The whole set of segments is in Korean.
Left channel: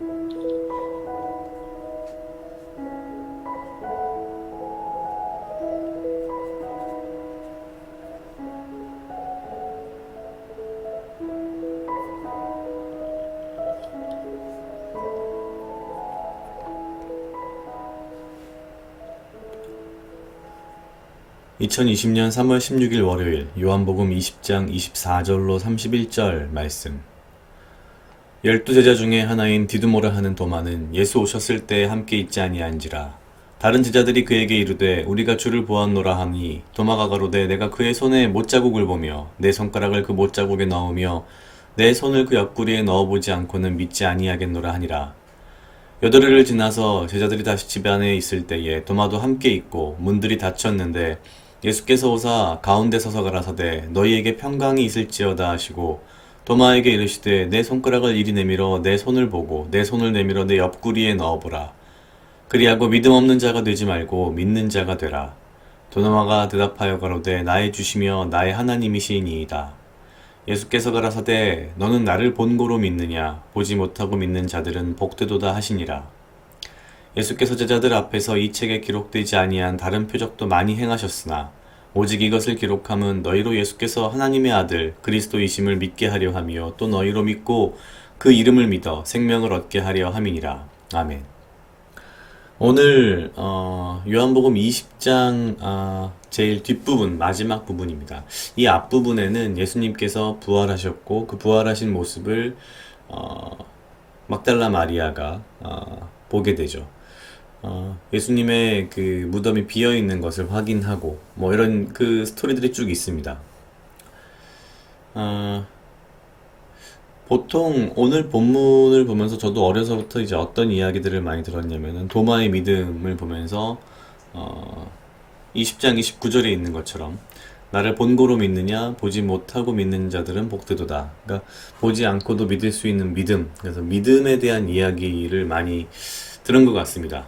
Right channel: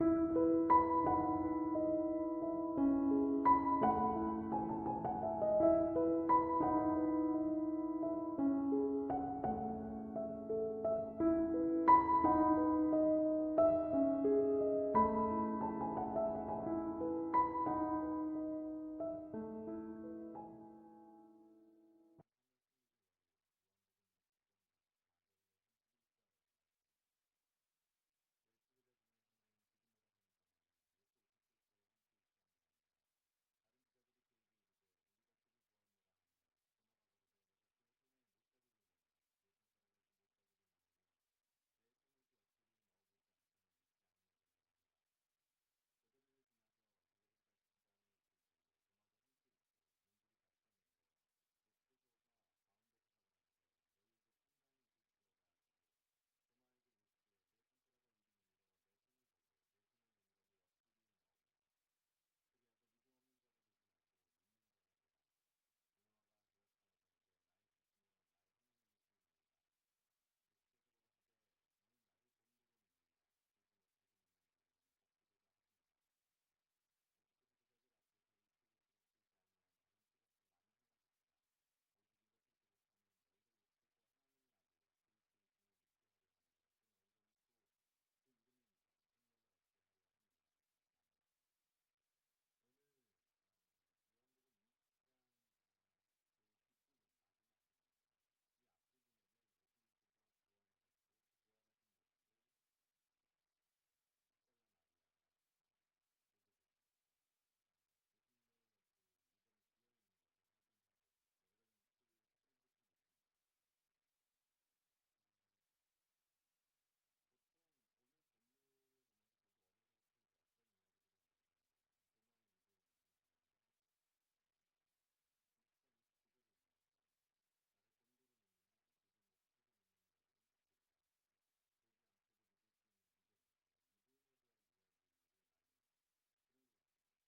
2020년 3월 16일 월요일 요한복음 20장 24절로 31절 말씀. 12제자 중에 하나인 디두모라 하는 도마는 예수 오셨을 때 함께 있지 아니한지라. 다른 제자들이 그에게 이르되 우리가 주를 보았노라 하니 도마가 가로되 내가 그의 손에 못자국을 보며 내 손가락을 그 못자국에 넣으며 내 손을 그 옆구리에 넣어보지 않고는 믿지 아니하겠노라 하니라. 여드레를 지나서 제자들이 다시 집 안에 있을 때에 도마도 함께 있고 문들이 닫혔는데 예수께서 오사 가운데 서서 가라사대 너희에게 평강이 있을지어다 하시고 도마에게 이르시되 내 손가락을 이리 내밀어 내 손을 보고 내 손을 내밀어 내 옆구리에 넣어보라. 그리하고 믿음 없는 자가 되지 말고 믿는 자가 되라. 도마가 대답하여 가로되 나의 주시며 나의 하나님이시니이다. 예수께서 가라사대 너는 나를 본고로 믿느냐 보지 못하고 믿는 자들은 복되도다 하시니라. 예수께서 제자들 앞에서 이 책에 기록되지 아니한 다른 표적도 많이 행하셨으나 오직 이것을 기록함은 너희로 예수께서 하나님의 아들 그리스도이심을 믿게 하려 함이요 또 너희로 믿고 그 이름을 믿어 생명을 얻게 하려 함이니라. 아멘. 오늘 요한복음 20장 제일 뒷부분 마지막 부분입니다. 이 앞부분에는 예수님께서 부활하셨고 그 부활하신 모습을 막달라 마리아가 보게 되죠. 예수님의 그 무덤이 비어 있는 것을 확인하고 뭐 이런 그 스토리들이 쭉 있습니다. 보통 오늘 본문을 보면서 저도 어려서부터 이제 어떤 이야기들을 많이 들었냐면은 도마의 믿음을 보면서 20장 29절에 있는 것처럼 나를 본고로 믿느냐 보지 못하고 믿는 자들은 복되도다. 그러니까 보지 않고도 믿을 수 있는 믿음. 그래서 믿음에 대한 이야기를 많이 들은 것 같습니다.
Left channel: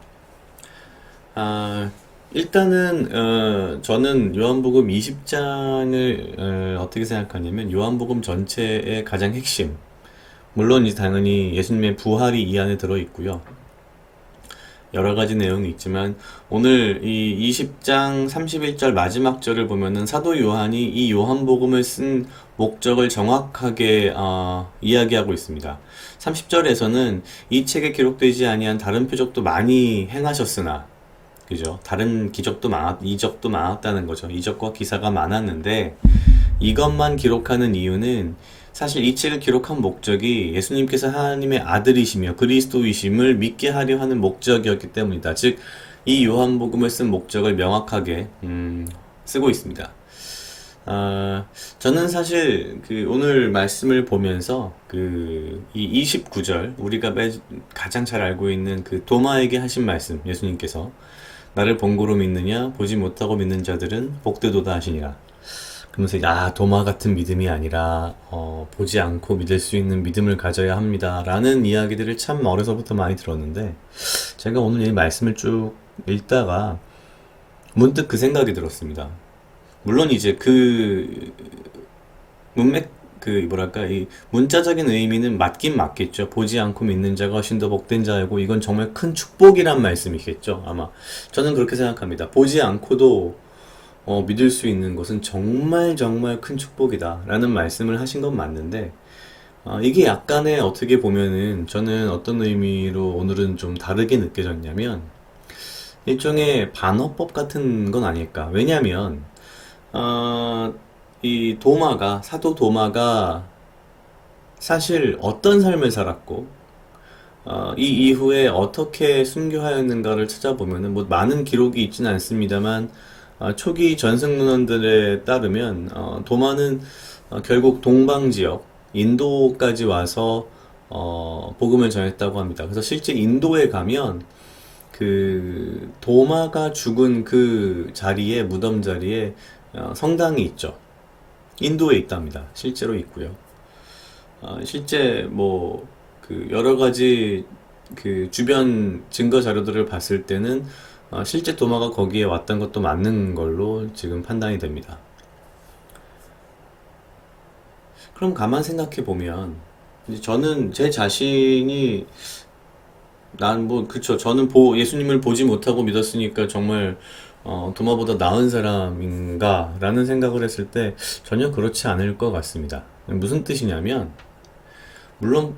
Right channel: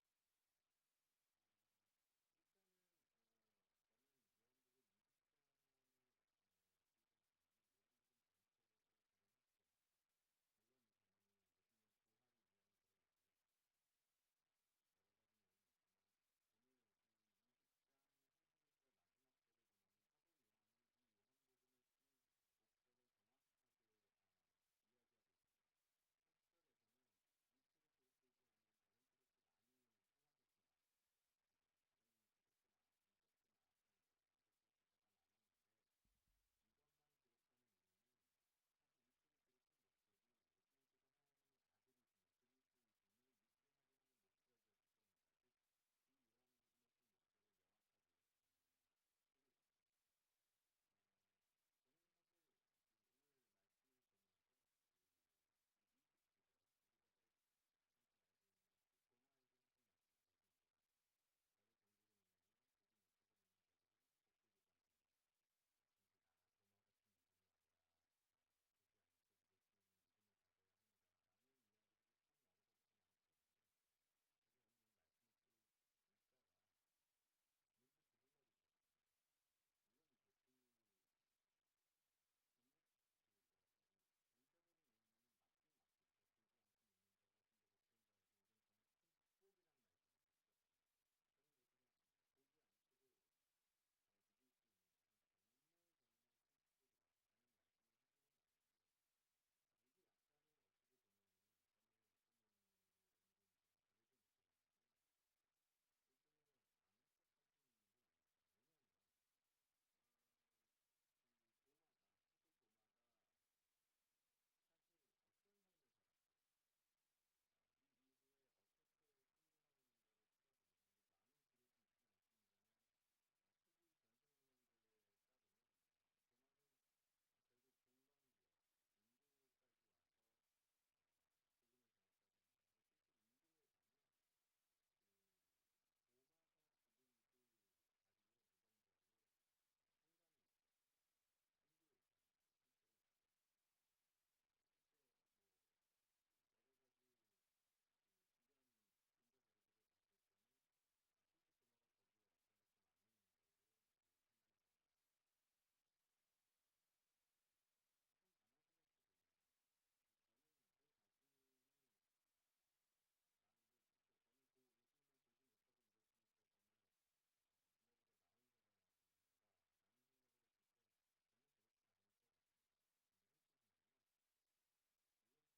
일단은 저는 요한복음 20장을 어떻게 생각하냐면 요한복음 전체의 가장 핵심, 물론 이제 당연히 예수님의 부활이 이 안에 들어 있고요. 여러 가지 내용이 있지만 오늘 이 20장 31절 마지막 절을 보면은 사도 요한이 이 요한복음을 쓴 목적을 정확하게 이야기하고 있습니다. 30절에서는 이 책에 기록되지 아니한 다른 표적도 많이 행하셨으나, 그죠? 다른 이적도 많았다는 거죠. 이적과 기사가 많았는데 이것만 기록하는 이유는 사실 이 책을 기록한 목적이 예수님께서 하나님의 아들이시며 그리스도이심을 믿게 하려 하는 목적이었기 때문이다. 즉, 이 요한복음을 쓴 목적을 명확하게 쓰고 있습니다. 저는 사실 그 오늘 말씀을 보면서 이 29절 우리가 가장 잘 알고 있는 그 도마에게 하신 말씀, 예수님께서 나를 본고로 믿느냐 보지 못하고 믿는 자들은 복되도다 하시니라. 그러면서 도마 같은 믿음이 아니라 보지 않고 믿을 수 있는 믿음을 가져야 합니다 라는 이야기들을 참 어려서부터 많이 들었는데 제가 오늘 이 말씀을 쭉 읽다가 문득 그 생각이 들었습니다. 물론 이제 이 문자적인 의미는 맞긴 맞겠죠. 보지 않고 믿는 자가 훨씬 더 복된 자이고 이건 정말 큰 축복이란 말씀이겠죠. 아마 저는 그렇게 생각합니다. 보지 않고도 믿을 수 있는 것은 정말 정말 큰 축복이다 라는 말씀을 하신 건 맞는데 이게 약간의 어떻게 보면은 저는 어떤 의미로 오늘은 좀 다르게 느껴졌냐면 일종의 반어법 같은 건 아닐까. 왜냐면 이 사도 도마가 사실 어떤 삶을 살았고 이 이후에 어떻게 순교하였는가를 찾아보면은 뭐 많은 기록이 있지는 않습니다만 초기 전승문헌들에 따르면 도마는 결국 동방 지역 인도까지 와서 복음을 전했다고 합니다. 그래서 실제 인도에 가면 그 도마가 죽은 그 자리에 무덤 자리에 성당이 있죠. 인도에 있답니다. 실제로 있고요. 실제 뭐 그 여러 가지 그 주변 증거 자료들을 봤을 때는 실제 도마가 거기에 왔던 것도 맞는 걸로 지금 판단이 됩니다. 그럼 가만 생각해 보면 저는 제 자신이 난 뭐, 그쵸. 저는 예수님을 보지 못하고 믿었으니까 정말, 도마보다 나은 사람인가? 라는 생각을 했을 때 전혀 그렇지 않을 것 같습니다. 무슨 뜻이냐면, 물론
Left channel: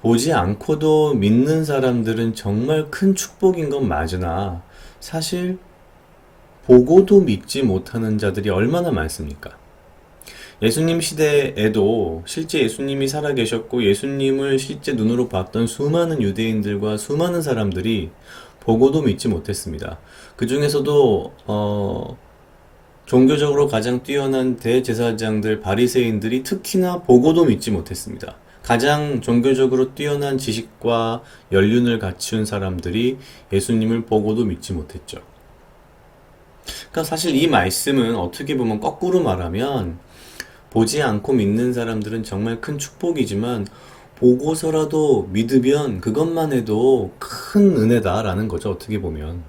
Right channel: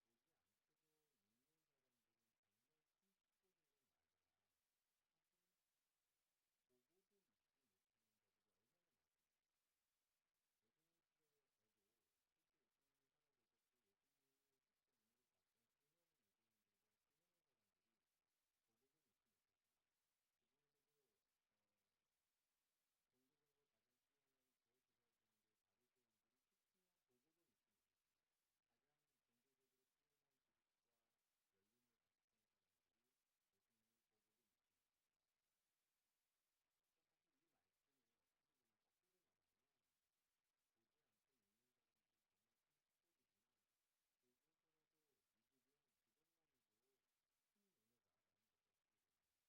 보지 않고도 믿는 사람들은 정말 큰 축복인 건 맞으나, 사실 보고도 믿지 못하는 자들이 얼마나 많습니까? 예수님 시대에도 실제 예수님이 살아계셨고 예수님을 실제 눈으로 봤던 수많은 유대인들과 수많은 사람들이 보고도 믿지 못했습니다. 그 중에서도 종교적으로 가장 뛰어난 대제사장들, 바리새인들이 특히나 보고도 믿지 못했습니다. 가장 종교적으로 뛰어난 지식과 연륜을 갖춘 사람들이 예수님을 보고도 믿지 못했죠. 그러니까 사실 이 말씀은 어떻게 보면 거꾸로 말하면 보지 않고 믿는 사람들은 정말 큰 축복이지만 보고서라도 믿으면 그것만 해도 큰 은혜다라는 거죠. 어떻게 보면.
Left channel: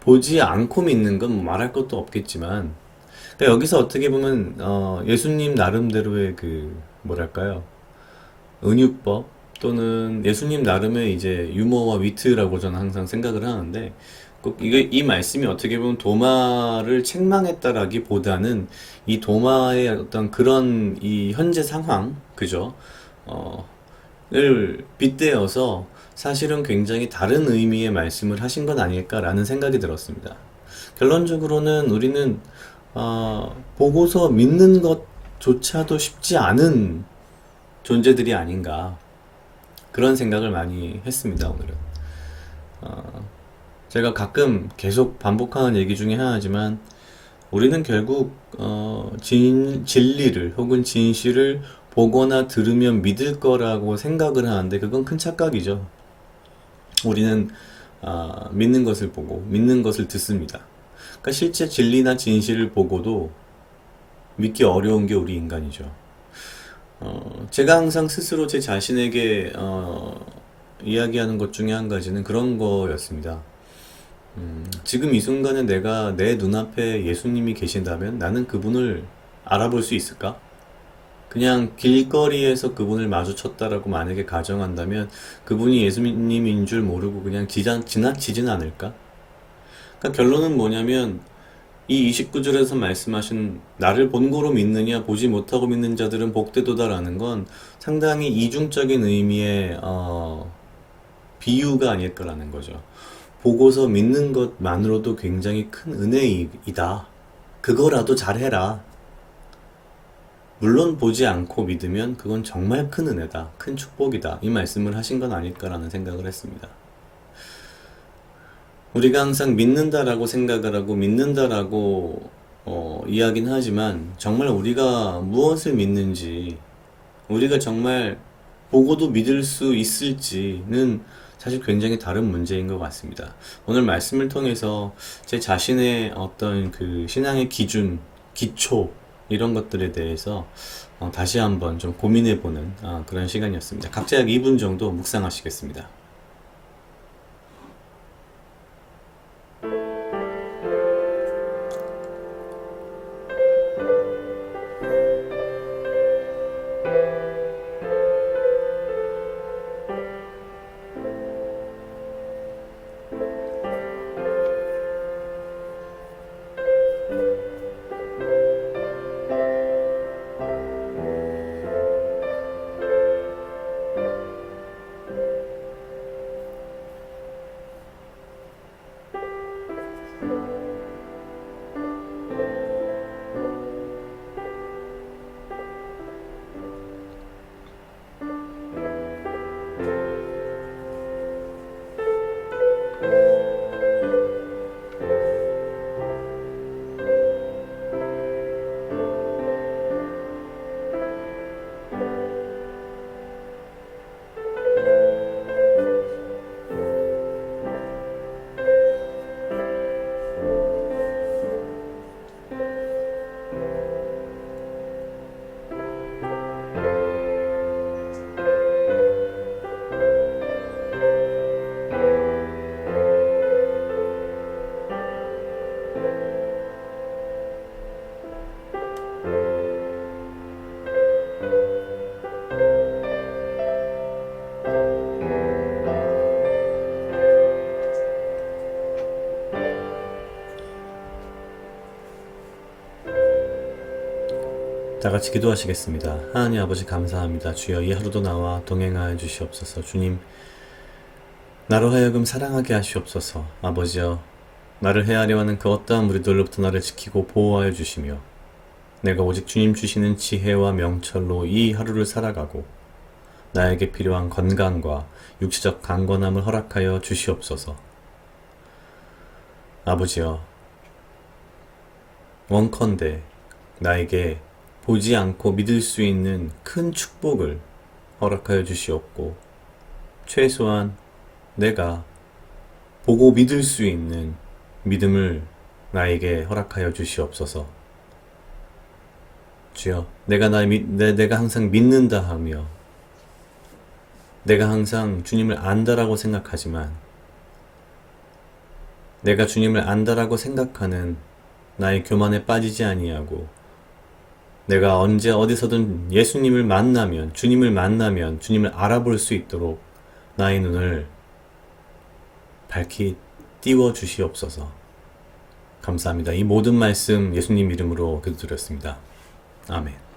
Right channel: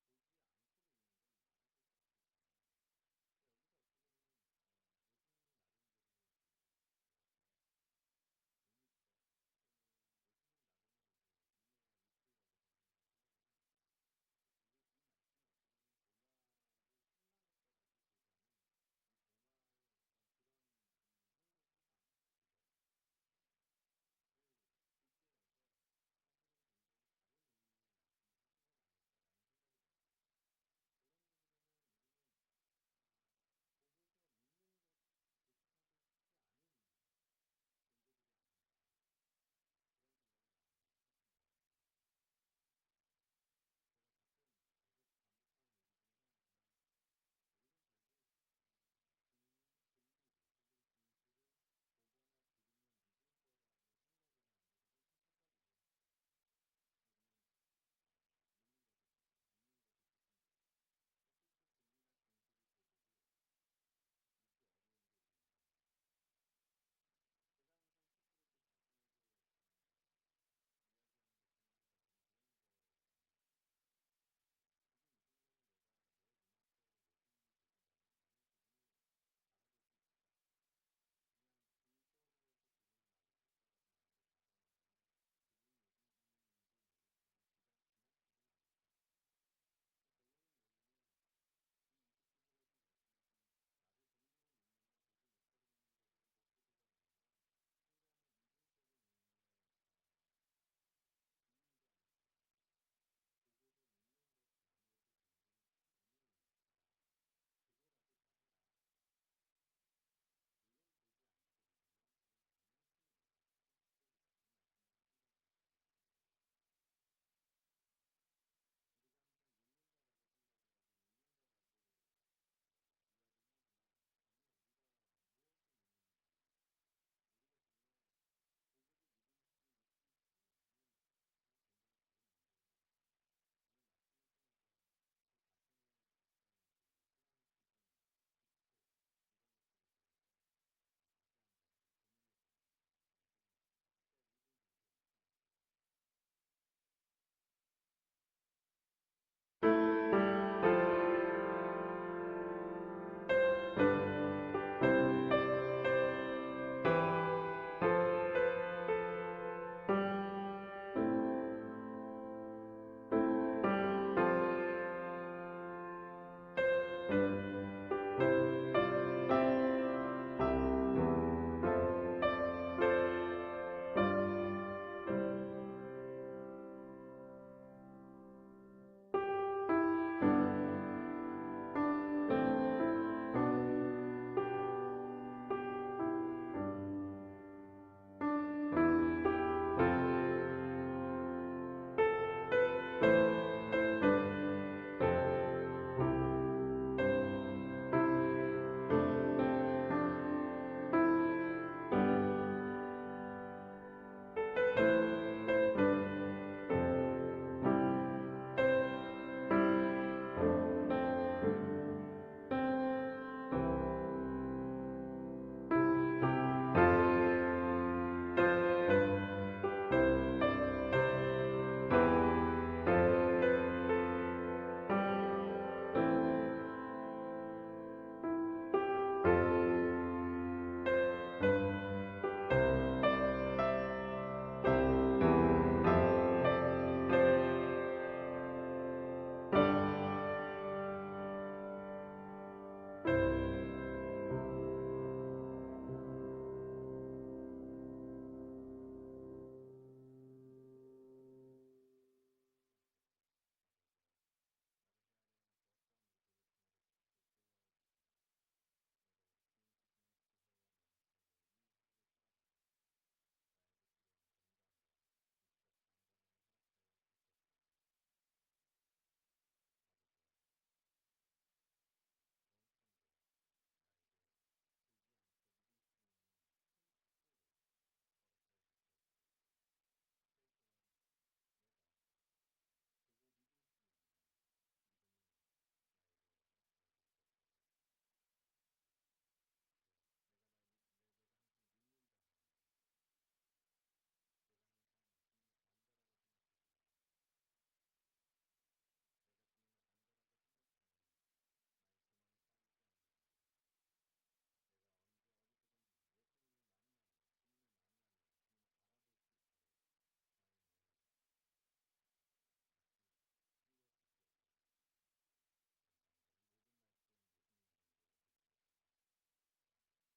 보지 않고 믿는 건 뭐 말할 것도 없겠지만 그러니까 여기서 어떻게 보면 예수님 나름대로의 그 뭐랄까요? 은유법 또는 예수님 나름의 이제 유머와 위트라고 저는 항상 생각을 하는데 꼭 이게 이 말씀이 어떻게 보면 도마를 책망했다라기보다는 이 도마의 어떤 그런 이 현재 상황 그죠? 어, 을 빗대어서 사실은 굉장히 다른 의미의 말씀을 하신 건 아닐까라는 생각이 들었습니다. 결론적으로는 우리는 보고서 믿는 것조차도 쉽지 않은 존재들이 아닌가 그런 생각을 많이 했습니다, 오늘은. 제가 가끔 계속 반복하는 얘기 중에 하나지만 우리는 결국 진리를 혹은 진실을 보거나 들으면 믿을 거라고 생각을 하는데 그건 큰 착각이죠. 우리는 믿는 것을 보고 믿는 것을 듣습니다. 그러니까 실제 진리나 진실을 보고도 믿기 어려운 게 우리 인간이죠. 제가 항상 스스로 제 자신에게 이야기하는 것 중에 한 가지는 그런 거였습니다. 지금 이 순간에 내가 내 눈앞에 예수님이 계신다면 나는 그분을 알아볼 수 있을까? 그냥 길거리에서 그분을 마주쳤다라고 만약에 가정한다면 그분이 예수님인 줄 모르고 그냥 지나치진 않을까? 그러니까 결론은 뭐냐면 이 29절에서 말씀하신 나를 본고로 믿느냐 보지 못하고 믿는 자들은 복되도다라는 건 상당히 이중적인 의미의 비유가 아닐까라는 거죠. 보고서 믿는 것만으로도 굉장히 큰 은혜이다. 그거라도 잘해라. 물론 보지 않고 믿으면 그건 정말 큰 은혜다. 큰 축복이다. 이 말씀을 하신 건 아닐까라는 생각을 했습니다. 우리가 항상 믿는다라고 생각을 하고 믿는다라고 이야기는 하지만 정말 우리가 무엇을 믿는지 우리가 정말 보고도 믿을 수 있을지는 사실 굉장히 다른 문제인 것 같습니다. 오늘 말씀을 통해서 제 자신의 어떤 그 신앙의 기준, 기초 이런 것들에 대해서 다시 한번 좀 고민해보는 그런 시간이었습니다. 각자 약 2분 정도 묵상하시겠습니다. 다 같이 기도하시겠습니다. 하나님 아버지 감사합니다. 주여 이 하루도 나와 동행하여 주시옵소서. 주님, 나로 하여금 사랑하게 하시옵소서. 아버지여, 나를 해하려 하는 그 어떠한 무리들로부터 나를 지키고 보호하여 주시며 내가 오직 주님 주시는 지혜와 명철로 이 하루를 살아가고 나에게 필요한 건강과 육체적 강건함을 허락하여 주시옵소서. 아버지여, 원컨대 나에게 보지 않고 믿을 수 있는 큰 축복을 허락하여 주시옵고 최소한 내가 보고 믿을 수 있는 믿음을 나에게 허락하여 주시옵소서. 주여, 내가 항상 믿는다 하며 내가 항상 주님을 안다라고 생각하지만 내가 주님을 안다라고 생각하는 나의 교만에 빠지지 아니하고 내가 언제 어디서든 예수님을 만나면 주님을 알아볼 수 있도록 나의 눈을 밝히 띄워 주시옵소서. 감사합니다. 이 모든 말씀 예수님 이름으로 기도드렸습니다. 아멘.